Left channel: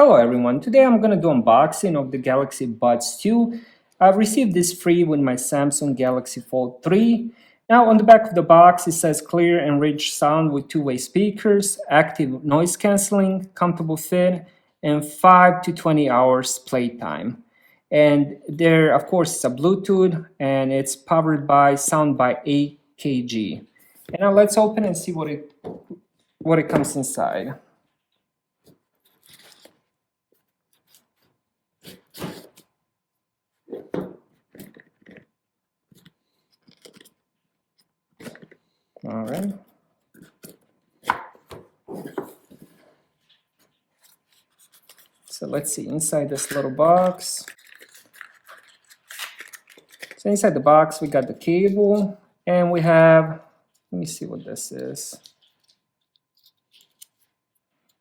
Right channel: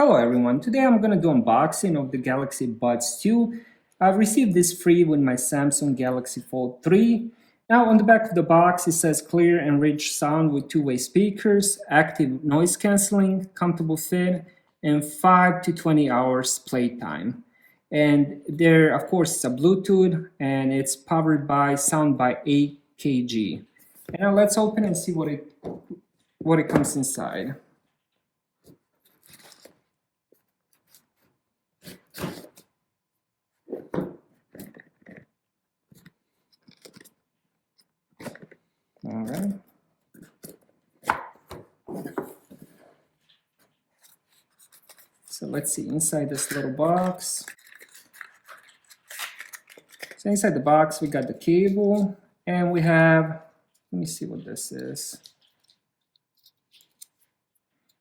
Hello everyone, today I'm going to do unboxing of the Galaxy Buds 2. I've received this free with my Samsung Galaxy Fold 3. Now on the back of the box it says clear and rich sound with two-way speakers, active noise cancelling, comfortable fit, and 5 to 20 hours playtime. And there of course it's a Bluetooth and it's powered by sound by 8 kg. And now let's open and see what it comes inside. All right. So let's see inside this little box. So inside the box we got the cable and we have, let me see what this is.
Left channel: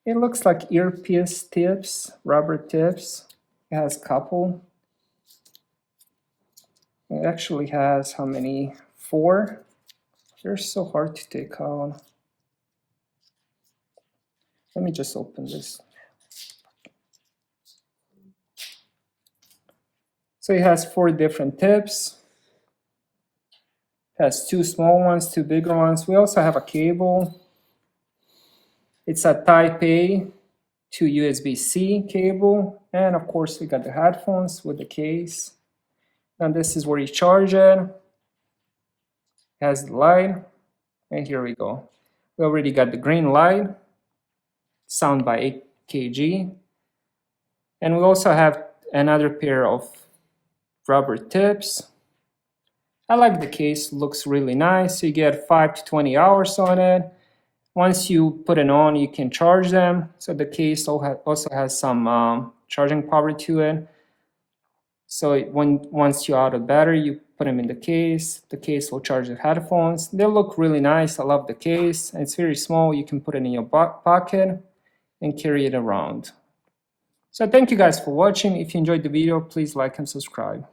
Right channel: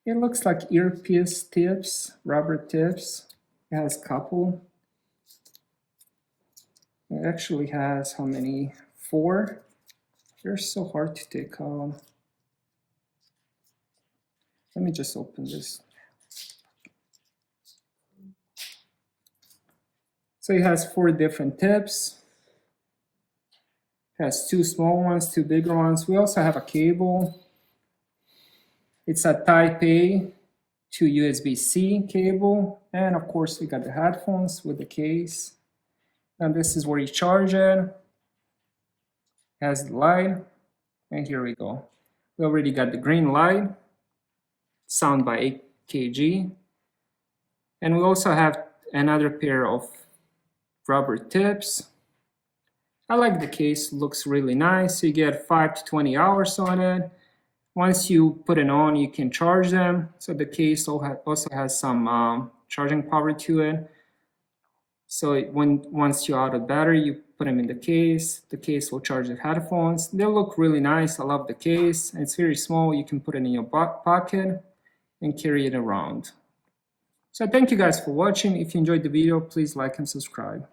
It looks like earpiece tips, rubber tips. It has a couple. It actually has how many? 4. They're so hard to take out. Let me just open this. So it has 4 different tips. It has 2 small ones, 2 bigger ones. We also have a cable. It's a Type A to USB-C cable. And of course we got the headphones with the case. And this is where you charge it. Has the light, and here we go. We already got the green light, sound by 8 kg, and we also have another pair of rubber tips. I like the case, looks really nice. You get 5 to 20 hours on it. Once you put it on, you can charge them. So the case also has some charging power to it. So once you're out of battery, you put them in the case will charge the headphones. They look really nice. I love the case. It's very small. You can put it in your pocket and carry it around. So thank you guys for watching. If you enjoyed the video, please like and subscribe.